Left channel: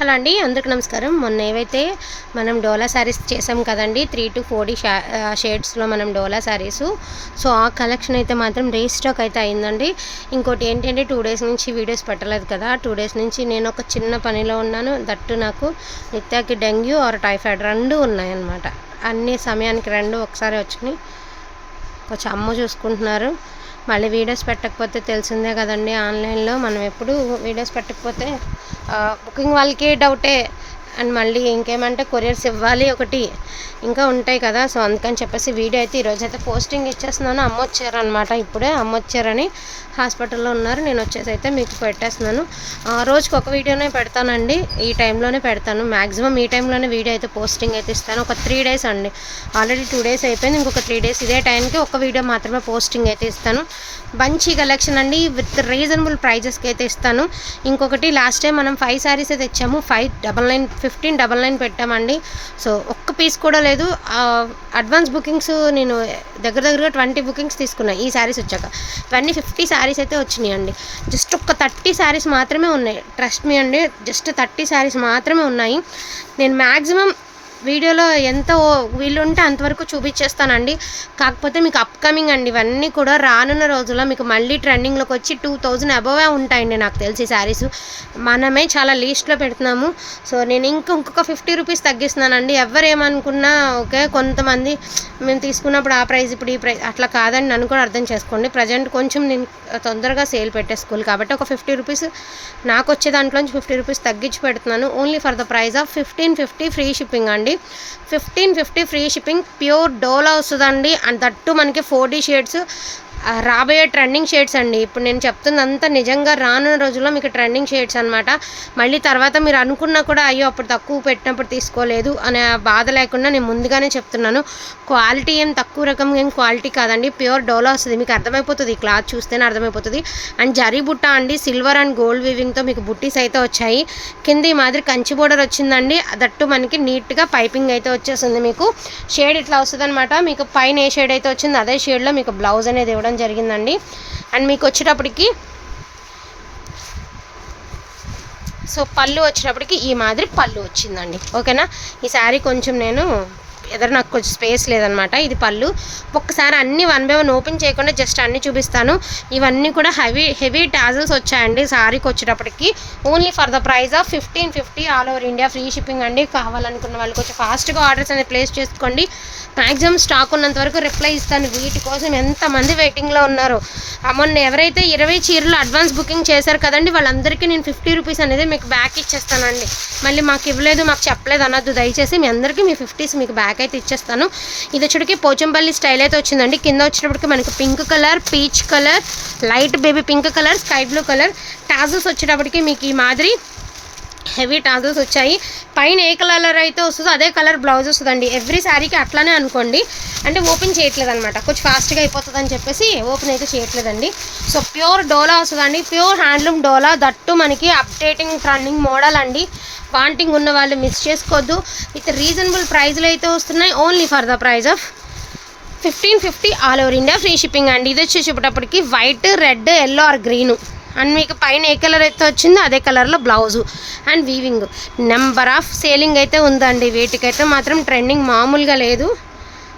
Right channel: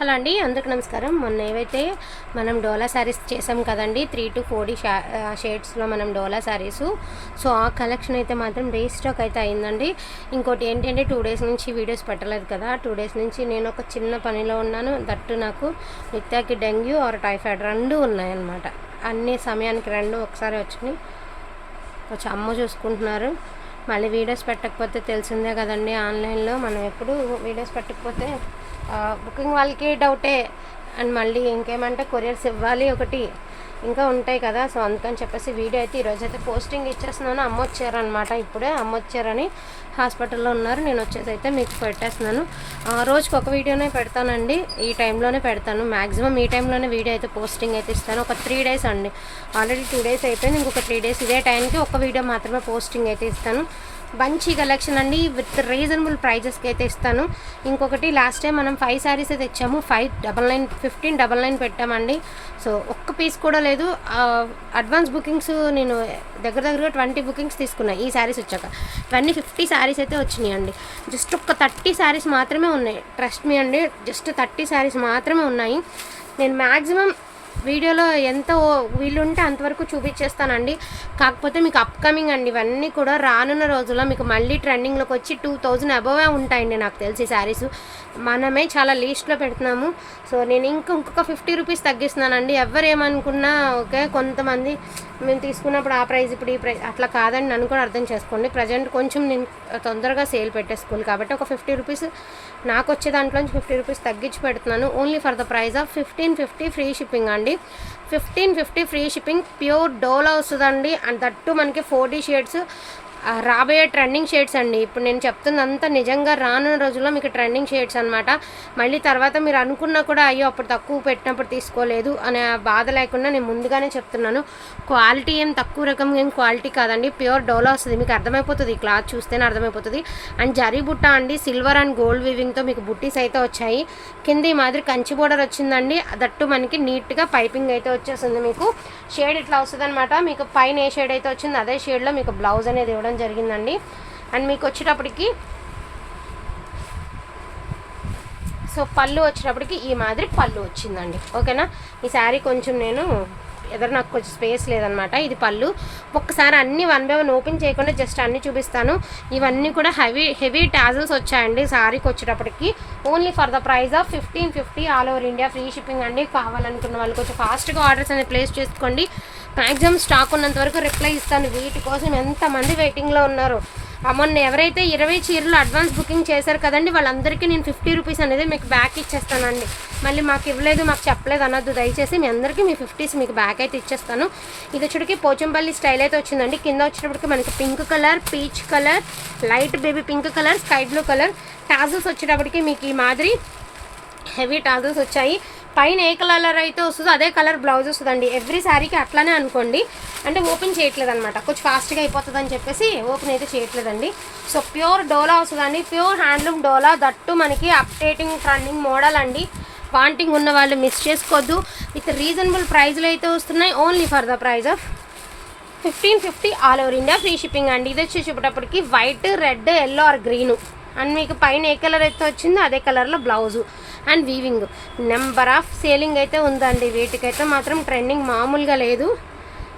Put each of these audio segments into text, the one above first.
Hello అండి, అందరికీ నమస్కారం. మొన్న ఏవైతే మనం డోలా శారీస్ చేసాం కదండి, 3 to 40 షేడ్స్లో మనం డోలా శారీస్. సో ఆ కలెక్షన్ అయితే మాత్రం రీస్టాక్ అయితే అయిందండి. ఇంకోటి ఏంటంటే 2 days నుంచి వీడియోస్ పెట్టలేదు కదా. 2 days నుంచి నేను ఒక చిన్న పనిలో ఉన్నాను. దట్టు నాకు నిత్యాకి డెంగ్యూ ఆర్ టైఫాయిడ్ రెండు ఉన్నాయన్నమాట. అన్ని సమయానికి రెండు ఒకసారి వచ్చినాయి. కొంచెం అమ్మ చూసుకుంటున్నారు. మళ్ళీ వీడియోస్ పెట్టకపోతే తెలిసిందే కదండి, ఆన్లైన్లో మనం ఎప్పుడు వీడియోస్ పెట్టకపోతే బుకింగ్ వాళ్ళకి డౌటే. అండ్ మళ్ళీ ఇంకేమంటే కొరియర్స్ ఇవ్వాలి ఒకటి ఇంకా ఉంటాయి కదా. సో అందుకని చెప్పేసి వీడియో అయితే ఈరోజు అయితే పోస్టింగ్ ఇచ్చేస్తున్నాను. అమ్మ వచ్చారనమాట, ఇప్పుడే అమ్మ వచ్చారని హాస్పిటల్లో ఉన్నారు. నేను వచ్చేసి అయితే మీకు పెట్టేస్తున్నాను. రోజుకి ఒక వీడియోనే పెడతానండి, ఈ టైంలోనే పెడతాను. మ్యాక్సిమం ఈ టైంలోనే వీడియో అయితే పోస్టింగ్ అయితే ఇస్తాను. ఒక 3 days అండి, ఆల్రెడీ 2 days అయిపోయింది. ఇంకొక 3 days ఇదే టైంకి ఒక వీడియో మాత్రమే పోస్టింగ్ అయితే ఇస్తాను. మంచి కలెక్షన్ అండి, విత్ రీజనబుల్ ప్రైజెస్కి అయితే ఇస్తాను. ఇంకొకటి లాస్ట్ టైం మనం 5 sarees అయితే ఇచ్చాము. 1599 పెట్టామండి. సో ఒక్క పీస్ కూడా లేదు. అడ్వాన్స్ బుకింగ్స్ నేను దగ్గరగా 20 బుకింగ్స్ తీసుకున్నాను ఈ శారీస్ వచ్చాక. ఇవన్నీ 50 sarees అయితే వచ్చినాయి అండి. జస్ట్ ఒక 30 sarees మాత్రమే ఉన్నాయి. ట్రస్ట్ మీ అండి, జస్ట్ 30 sarees మాత్రమే ఉన్నాయి. నేను మ్యాక్సిమం వీడియోలో ఎంత వీలుంటే అంతవరకు చూపించేస్తానండి. కాకపోతే మీకు అప్కమింగ్ అండి, ఇవన్నీ కూడా రానున్న రోజుల్లో మీకు మళ్ళీ ట్రెండింగ్లోకి వచ్చి 2000 అబోవే ఉంటాయండి నాకు తెలిసి శారీస్. మనమే చాలా లీస్ట్లో పెడుతున్నాము. సో నేను ఇంకొక 50 రూపీస్ తగ్గిస్తున్నానండి. ఎవరేమనుకున్నా ఓకే, కొంతమంది మేము తీసుకున్నప్పుడు ఆ ప్రైస్ ఇప్పుడు ఈ ప్రైస్ అట్లా కాదని నన్ను కూడా అర్థం చేసుకోండి. ప్రజెంట్ కొంచెం నేను తొందరగా సేల్ పెట్టేసుకోవాలి కాబట్టి ఒక 50 రూపీస్ నాకు వచ్చే దాంట్లోంచి 50 రూపీస్ తగ్గించి పెడుతున్నాను. Only for the price of 1550 free shipping అండి. 1550 ఫ్రీ షిప్పింగ్, ప్యూర్ డోలా వస్తుందండి. అండ్ దట్టు మనకి 40 షేడ్స్ రాబోయే ట్రెండింగ్ షేడ్స్ అండి. ఇప్పుడు నేను చెప్తున్నంత నిజంగా రానున్న రోజుల్లో మీకు ట్రెండింగ్ షేడ్స్ అనమాట. మళ్ళీ తర్వాత మీరు అనుకున్నా కూడా అయ్యో అప్పుడు తక్కువ పెట్టినప్పుడు తీసుకోలేదు అనే బాధ లేకుండా నేను ముందుగానే చెప్తున్నాను. క్వాలిటీ ఏం తక్కువ రకం ఏం క్వాలిటీ కాదండి, ప్యూర్ డోలా వస్తుంది. మీకు అర్థమైపోతుంది, ఈ క్లాత్ చూస్తేనే అర్థమైపోతుంది. అండ్ జరీ బుట్ట అండి, సిల్వర్ అండ్ గోల్డ్ వీవింగ్తో మీకు బుట్టీస్ అయితే వచ్చాయి. కింద ఈ మాదిరి కంచి బోర్డర్ వచ్చిందండి. దట్టు మనకి నీట్గా పైపింగ్ అయితే వచ్చేస్తుంది. మీకు షేడ్ ఇట్లా వస్తుంది అనమాట. మీకు పైన ఏ షేడ్ అయితే వచ్చిందో అదే షేడ్లో మీకు బ్లౌజ్ అనేది ఇవ్వడం జరిగిందండి. అండ్ మీకు వచ్చేటప్పటికి సో పళ్ళు వచ్చేటప్పటికి ఈ మాదిరి పళ్ళు వచ్చిందండి. ఓకేనా, ఈ శారీ కొంచెం నేను నాకు కొంచెం స్పేస్ లేదనమాట. ఇది పళ్ళు. ఒక్కసారి అన్నీ 1 by 1 ఓపెన్ చేయకుండా జస్ట్ అన్నీ చూపిస్తాను. ఇవన్నీ కూడా హెవీ టాజల్స్ వచ్చాయండి శారీకి వచ్చేటప్పటికి. Only for the price of 1550 all over India free shipping అండి. కావాలనుకున్న వాళ్ళు కొంచెం ఫాస్ట్గా ఆర్డర్స్ అనేది ప్లేస్ చేసుకోండి. మ్యాక్సిమం స్టాక్ ఉన్నంత వరకు రిప్లై ఇస్తాను. వీటి కోసం ఎంతమంది వెయిటింగ్లో ఉన్నారు. మొన్న ఎవరైతే 20 చీరలు అడ్వాన్స్ బుకింగ్ చేశారు కదండి, వాళ్ళందరికీ నేను 50 రూపీస్ అనేది మీకు బ్యాక్ ఇచ్చేస్తానండి. మళ్ళీ మాకు ఇవ్వలేదు మాకు చెప్పలేదు అన్నది దయచేసి. మీ అందరికీ మీ 50s మీకు బ్యాక్ అయితే ఇచ్చేస్తాను. ఇది వచ్చేటికి పోచంపల్లి స్టైల్ అయితే వచ్చిందండి. కింద వచ్చేటప్పటికి మనకి pink colour, peach colour, light baby pink colour, sky blue colour. Tassels వచ్చేటప్పటికి మీకు ఈ మాదిరి హెవీ టాజల్స్ వచ్చాయి. పైన ఏ కలర్ అయితే వస్తుందో అదే కలర్ బ్లౌజ్ వస్తుందండి. ఎవ్రీ శారీకి అట్లానే అనుకోండి. అంటే ఓపెన్ చేయట్లేదు అనమాట, కొంచెం ఫాస్ట్గా అయిపోతుంది అని చెప్పేసి ఓపెన్ అయితే చేయట్లేదండి. సో ప్యూర్ డోలా వస్తుందండి, ప్యూర్ హ్యాండ్లూమ్ డోలా. దట్టు మనకి అప్డేటింగ్ ట్రెండింగ్ మోడల్ అండి. వాంటింగ్ ఉన్న వాళ్ళు మిస్ చేసుకోవద్దు. విత్ రీజనబుల్ ప్రైస్లో అయితే వస్తున్నాయి. Only for the price of 1550 all over India free shipping అండి. ఇది వచ్చి చూపేటప్పటికి white, red, yellow or green. And మీకు పైన ఏ కలర్ అయితే వచ్చిందో అదే కలర్లో blouse and weaving. Number of selling అయితే ఉందండి. వీటికైతే మాత్రం ట్రెండింగ్ మామూలుగా లేదు.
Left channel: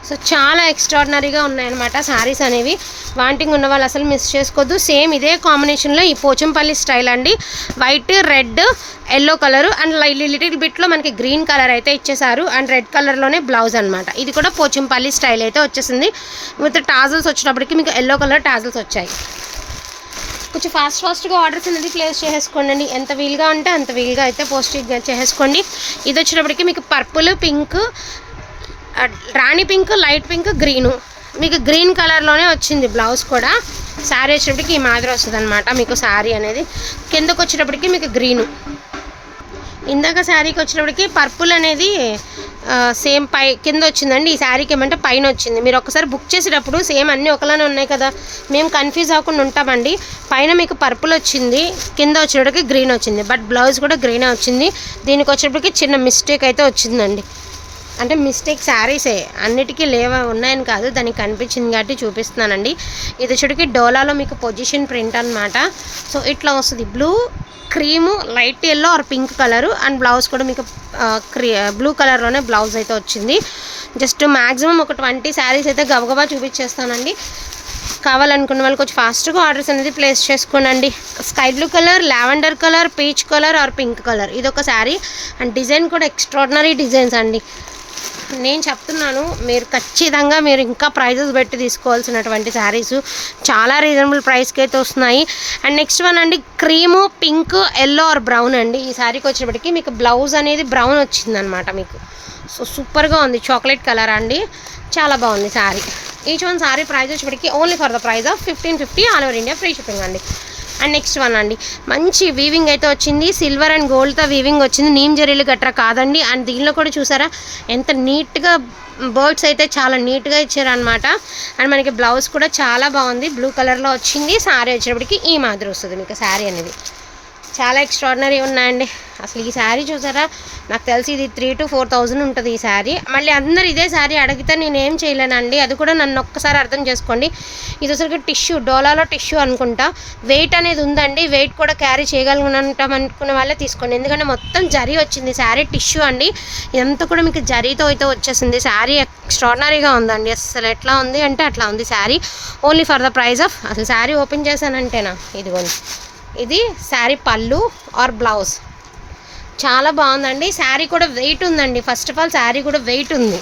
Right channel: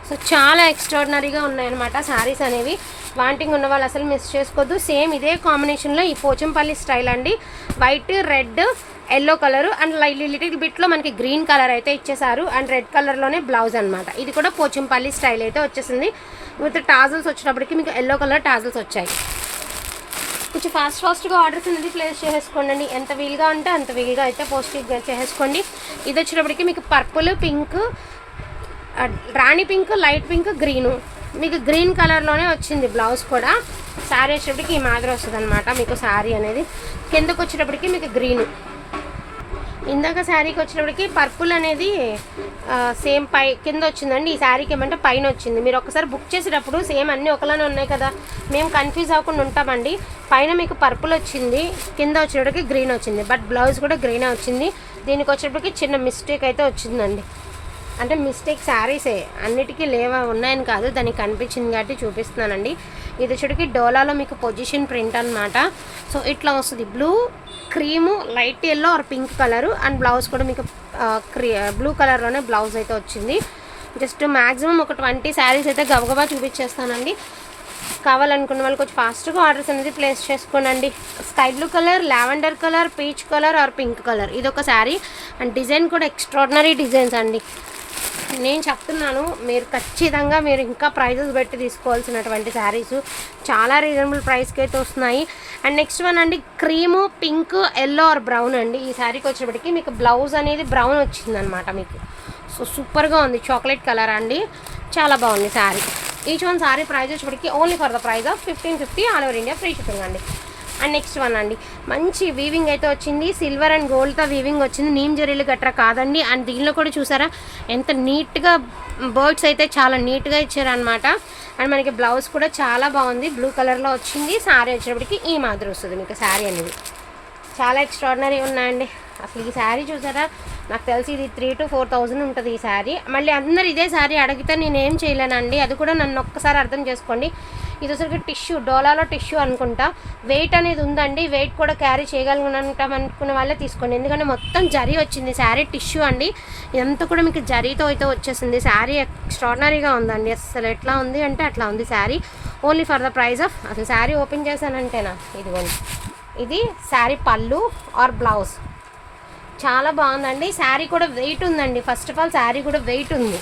సో చాలా ఎక్స్ట్రాడినరీగా ఉన్నాయన్నమాట శారీస్ అనేవి. వాంటింగ్ ఉన్న వాళ్ళు అసలు మిస్ చేసుకోవద్దు. సేమ్ ఇదే కాంబినేషన్లో ఈ పోచంపల్లి స్టైల్ అండి. White, red, yellow colour and little బిట్లో మనకి గ్రీన్ కలర్ అయితే ఇచ్చేసారు. అండ్ రెడ్ కలర్లోనే బ్లౌజ్ అనమాట. ఇది కూడా పోచంపల్లి స్టైల్ అయితే వచ్చేసింది. విత్ టాజల్స్ వచ్చేటప్పటికి మీకు ఎల్లో కలర్ టాజల్స్ వచ్చాయి. కొంచెం ఫాస్ట్గా ఆర్డర్స్ అనేది ప్లేస్ చేసేసుకోండి. ఎంత వీలుగా ఉంటే అంత వీలుగా అయితే పోస్టింగ్ చేసేసుకోండి. ఇది వచ్చేటప్పటికి మీకు పర్పుల్, పింక్, రాణి పింక్, లైట్ పింక్, గ్రీను. మీకు గ్రీన్ కలర్లోనే వచ్చింది బ్లౌజ్ కూడా. శారీ వచ్చేటప్పటికి ఈ మాదిరి వస్తుంది అనమాట. మీకు శారీ అనేది కిందకు వచ్చేటప్పటికి మీకు గ్రీను. ఇందాక శారీకి వచ్చినప్పటికి పర్పుల్ అనేది సేమ్ కింద వచ్చిందండి. ఈ శారీకి ఏమంటే పైన వచ్చింది. మీరు ఒకసారి బుక్ చేసేటప్పుడు సేమ్ అన్నీ ఒకలానే ఉన్నాయి కదా, మేము కన్ఫ్యూజ్ అవ్వకుండా ఉంటామండి. పైన మీకు పర్పుల్ వచ్చింది, కింద వచ్చేటప్పటికి గ్రీన్ వచ్చింది. బట్ బ్లౌజ్ కూడా గ్రీనే వచ్చింది. దీనికి వచ్చేటప్పటికి చిన్న మిస్టేక్ అయితే వచ్చిందండి. అంటే మిస్టేక్ శారీసే, అన్నిటికీ ఉన్నాయని కాదు, దానికి కనిపించింది కాబట్టి చూపిస్తున్నానండి. ఇది వచ్చేటికి డోలాలో మీకు పొజిషన్ ప్రింట్ అనమాట. సో ఇట్లా వస్తుంది. Blue cream, light yellow or pink colour. And blouse కూడా మీకు బ్లూ కలర్లోనే బ్లౌజ్ అయితే వచ్చింది. జస్ట్ మ్యాక్సిమం ఒక 20 శారీస్ అయితే గబగబా చూపించేస్తానండి. కావాలనుకున్న వాళ్ళు కొంచెం ఫాస్ట్గా ఆర్డర్స్ అనేది ప్లేస్ చేసుకోనండి. Sky blue colour, lavender colour, peach colour or pink colour, ఇదొక శారీ. అండ్ డిజైన్ కూడా ఎక్స్ట్రాడినరీ డిజైన్స్ అండి. నేను చెప్తున్నాను, మీరు ఖచ్చితంగా మీరు ఇంకా ప్రైజెస్ పెట్టి తీసుకోవాల్సినటువంటి శారీస్ చాలా రీజనబుల్ ప్రైస్కి అయితే వస్తున్నాయి. అండ్ నెక్స్ట్ వన్ అండి, cream, pink, yellow or brown అండి. ఈ శారీకి వచ్చేటప్పటికి మీకు బ్లౌజ్ అనేది బ్రౌన్ వచ్చిందనమాట మీకు. సో సూపర్గా ఉంది, చాక్లెట్ కలర్ అండి, చాలా బాగుంది sari. Each one sari price వచ్చేటప్పటికి only for the price of 1550 all over India free shipping అండి. అండ్ నెక్స్ట్ వన్ అండి, మంచి వీవింగ్ అయితే వచ్చింది, సిల్వర్ అండ్ గోల్డ్తో వీవింగ్ వచ్చింది, నీమ్ జరీలు గట్రా కాదండి. అండ్ దీనిలో కూడా చూసారా ఎంత నీట్గా బర్డ్స్ అయితే చాలా నీట్గా ఇచ్చారనమాట. అండ్ మనకి బ్లౌజ్ కూడా చాలా బాగుంది, బ్లూ కలర్లో వచ్చింది. శారీ వచ్చేటప్పటికి ఈ మాదిరి వస్తుంది మీకు శారీ అనేది. చాలా ఎక్స్ట్రాడినరీ ఉన్నాయండి. అసలు ఈ శారీ చూసారా, నాకు తెలిసి ఇది 3,000 to 4,000 ఉంటుంది ఈ శారీ. మళ్ళీ అందరు ఇదే శారీ అడిగితే నేనేం చేయలేనండి, అది కూడా నన్ను ఒక్కసారి అర్థం చేసుకోండి. ఇది అసలు టిష్యూ, డోలాలో టిష్యూ అనుకుంటా, వెయిట్ అనేది ఉందండి. వెయిట్ కూడా క్యారీ చేయగలుగుతాం అనుకునే వాళ్ళే తీసుకోండి, ఎందుకంటే మొత్తం జరీ వచ్చింది. శారీ టిష్యూ అండి, ఇదంతా కూడా మీకు జరీతో అయితే వచ్చేసింది. శారీ ఎక్స్ట్రాడినరీగా ఉందండి, అసలు ఎట్లా ఉంది అంటే అట్లా ఉంది sari. Only for the price of, అసలు శారీ ఓపెన్ చేశానంటేనా, ఇదిగోండి, ఇది శారీ పళ్ళు ఆర్ బ్లౌజ్, చాలా బాగుందండి. శారీ కూడా వెయిట్ ఉందండి. ఫస్ట్ ఆఫ్ ఆల్ శారీ కూడా వెయిట్ ఉంది,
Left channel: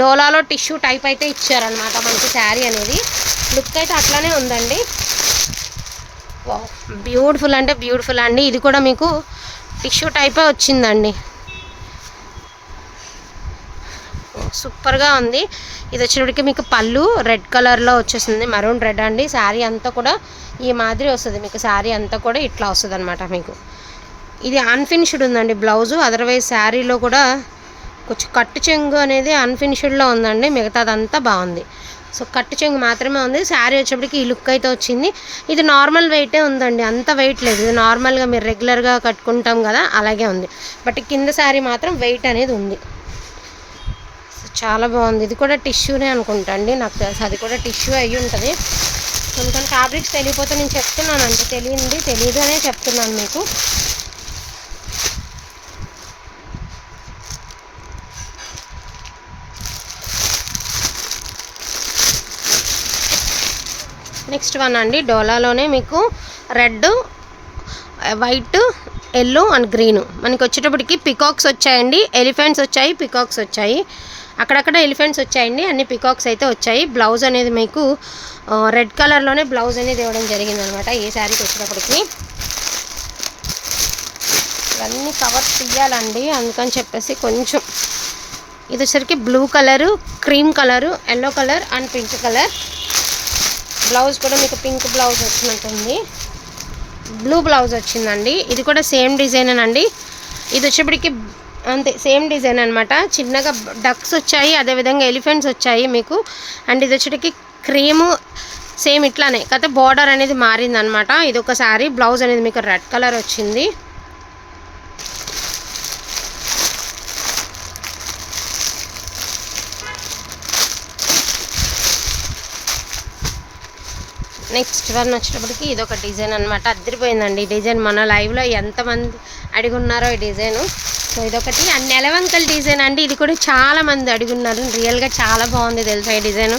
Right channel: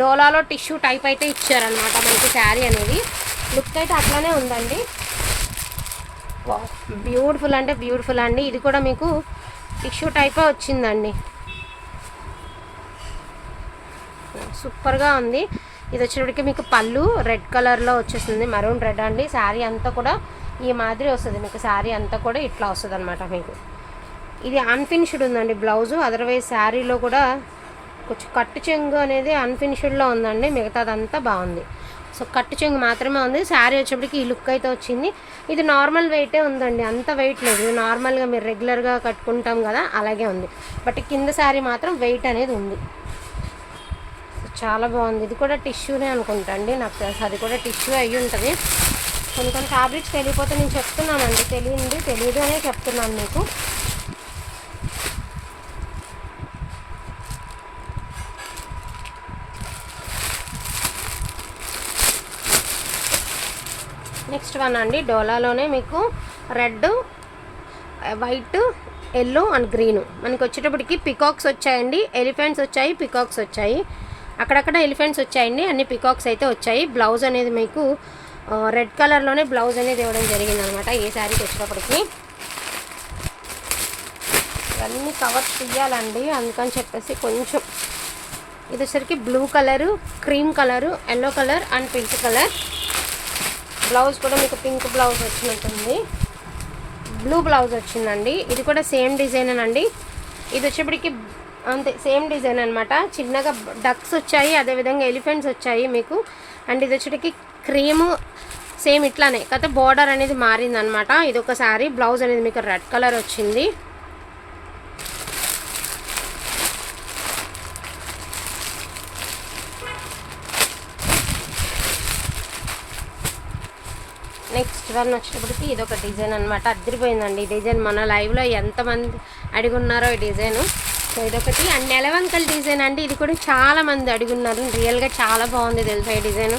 డోలాలో టిష్యూ టైప్ అయితే ఇచ్చారనమాట మనకి. శారీ అనేది లుక్ అయితే అట్లానే ఉందండి. బ్యూటిఫుల్ అంటే బ్యూటిఫుల్ అండి. ఇది కూడా మీకు టిష్యూ టైపే వచ్చిందండి, సూపర్గా ఉంది. ఇది వచ్చేటప్పటికి మీకు పళ్ళు రెడ్ కలర్లో వచ్చేసింది, మరూన్ రెడ్ అండి. శారీ అంతా కూడా ఈ మాదిరి వస్తుంది మీకు, శారీ అంతా కూడా ఇట్లా వస్తుంది అనమాట మీకు. ఇది అన్ఫినిష్డ్ ఉందండి బ్లౌజు, అదర్వైజ్ శారీలో కూడా కొంచెం కట్టు చెంగు అనేది అన్ఫినిష్డ్లో ఉందండి, మిగతాదంతా బాగుంది. సో కట్టు చెంగు మాత్రమే ఉంది. శారీ వచ్చేప్పటికి ఈ లుక్ అయితే వచ్చింది. ఇది నార్మల్ వెయిటే ఉందండి, అంత వెయిట్ లేదు. ఇది నార్మల్గా మీరు రెగ్యులర్గా కట్టుకుంటాం కదా అలాగే ఉంది, బట్ కింద శారీ మాత్రం వెయిట్ అనేది ఉంది. చాలా బాగుంది. ఇది కూడా టిష్యూనే అనుకుంటా అండి, నాకు తెలుసు అది కూడా టిష్యూ అయ్యి ఉంటుంది. కొన్ని కొన్ని ఫ్యాబ్రిక్స్ తెలియకపోతే నేను చెప్తున్నానండి, తెలియదు అనే చెప్తున్నాను మీకు. నెక్స్ట్ వన్ అండి, డోలాలోనే మీకు red, white, yellow and green. మనకి వచ్చేటప్పటికి పికాక్స్ వచ్చాయండి, ఎలిఫెంట్స్ వచ్చాయి, పికాక్స్ వచ్చాయి, అక్కడక్కడ ఎలిఫెంట్స్ వచ్చాయండి, అన్ని పికాక్స్ అయితే వచ్చాయి. బ్లౌజ్ అనేది మీకు రెడ్ కలర్లోనే బ్లౌజ్ అనేది ఇవ్వడం జరిగిందనమాట ఈ శారీకి వచ్చేటప్పటికి. ఇవన్నీ కవర్స్ తీయాలండి, అందుకని చెప్పేసి కొంచెం. ఇది వచ్చేసరికి blue colour, cream colour, yellow colour and pink colour. Blouse కూడా మీకు పింక్ బ్లౌజ్ వచ్చినట్టుంది, బ్లూ బ్లౌజ్ వచ్చిందండి. ఇది కూడా సేమ్ డిజైన్ అండి. ఇది వచ్చేప్పటికి అంతే సేమ్ డిజైన్ అనమాట. చిన్నగా డక్స్ వచ్చాయి, అదేవిధంగా ఎలిఫెంట్స్ వచ్చాయి మీకు. అండ్ ఇది వచ్చేటికి క్రీము సేమ్ ఇట్లానే, కాకపోతే బార్డర్ అనేది మారిందనమాట. ఇది ఒక శారీ, బ్లౌజ్ అనేది మీకు రెడ్ కలర్ వచ్చింది. నెక్స్ట్ వన్ వచ్చేటప్పటికి ఇది ఒక డిజైన్ అనమాట, అదిరిపోయిందండి ఈ డిజైన్. మన లైవ్లో ఎంతమంది అడుగున్నారో ఈ డిజైను. సో ఇదొకటి. అండ్ నెలవంకల్ డిజైన్ అండి, ఇది కూడా చాలామంది అడుగున్నారు, రియల్గా చాలా బాగుంది తెలుసా ఈ డిజైను,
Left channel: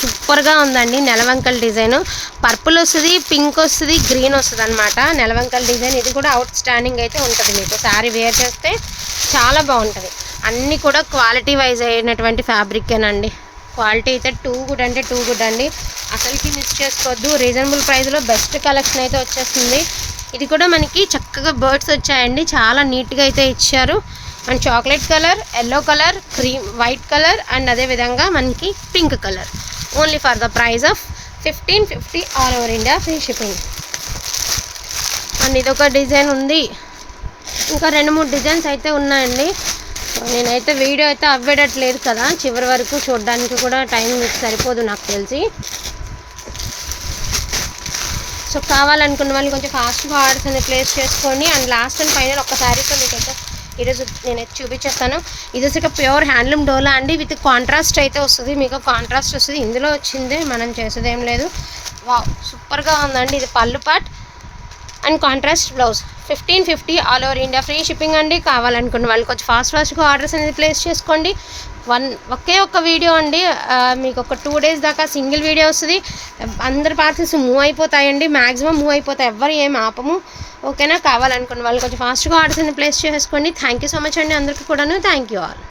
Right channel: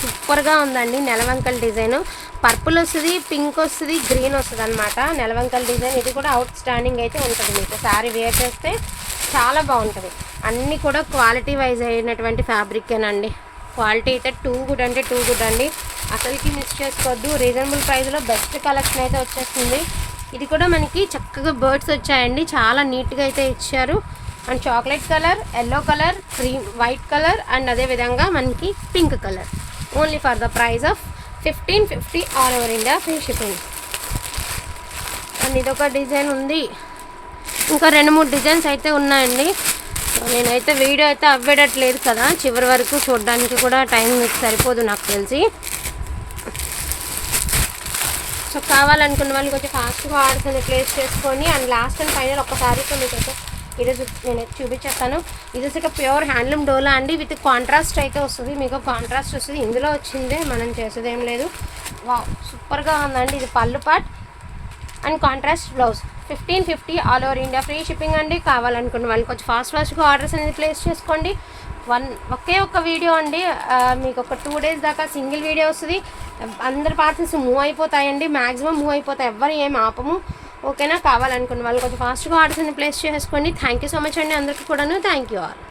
సూపర్గా ఉందండి. నెలవంకల్ డిజైను పర్పుల్ వస్తుంది, పింక్ వస్తుంది, గ్రీన్ వస్తుంది అనమాట నెలవంకల్ డిజైన్. ఇది కూడా అవుట్ స్టాండింగ్ అయితే ఉంటుంది మీకు, శారీ వేర్ చేస్తే చాలా బాగుంటుంది. అన్నీ కూడా క్వాలిటీ వైజ్ అయినటువంటి ఫ్యాబ్రికేనండి, క్వాలిటీ అయితే టూ గుడ్ అంటే టూ గుడ్ అండి, అసలుకి మిస్ చేసుకోవద్దు. రీజనబుల్ ప్రైస్లో బెస్ట్ కలెక్షన్ అయితే వచ్చేస్తుంది. ఇది కూడా మనకి చక్కగా బర్డ్స్ వచ్చాయండి, చాలా నీట్గా అయితే ఇచ్చారు. And chocolate colour, yellow colour, cream, white colour and అదేవిధంగా మనకి pink colour. Only for the price of 1550 all over India free shipping. And ఇదొక డిజైన్ ఉంది, ఇంకా 2-3 డిజైన్స్ అయితే ఉన్నాయండి. నేనైతే వీడియో అయితే అవ్వేటట్లేదు కదా, చివరి వరకు చూడడానికి కూడా టైం మీకు సరిపోదు నాకు తెలిసి. సో కావాలనుకున్న వాళ్ళు కొంచెం ఫాస్ట్గా ఆర్డర్స్ అనేది ప్లేస్ చేసుకోండి. అండ్ లాస్ట్ అండ్ ఫైనల్ ఒక్కసారితో మీకు ఈరోజు నేను చూపించేస్తాను. ఇది వచ్చి ప్యూర్ హ్యాండ్లూమ్ డోలా అండి, విత్ కాంట్రాస్ట్ అయితే వస్తుంది మీకు, కాంట్రాస్ట్ వస్తుంది. ఇందులో వచ్చింది, మనం చేసేది ఏం లేదు. వావ్ సూపర్గా ఉందండి. ఇది పళ్ళు part, and contrast blouse 1550 all over India free shipping అండి. కావాలనుకున్న వాళ్ళు కొంచెం ఫాస్ట్గా ఆర్డర్స్ అనేది ప్లేస్ చేసుకోండి. ఒకే ఒక్క వీడియో అండి, మీకు ఒక 2 days దాకా సింగిల్ వీడియో వస్తుంది. అందరి పార్సల్స్ మూవ్ అయిపోతాయండి, మ్యాక్సిమం మూవ్ అయిపోతాయి, ఎవ్వరు ఏం ఆపము. ఓకేనా? కావాలనుకున్న వాళ్ళు కొంచెం ఫాస్ట్గా ఆర్డర్స్ అనేది ప్లేస్ చేసుకోండి. థ్యాంక్ యూ సో మచ్ అండి అందరికీ కూడాను. Thank you all.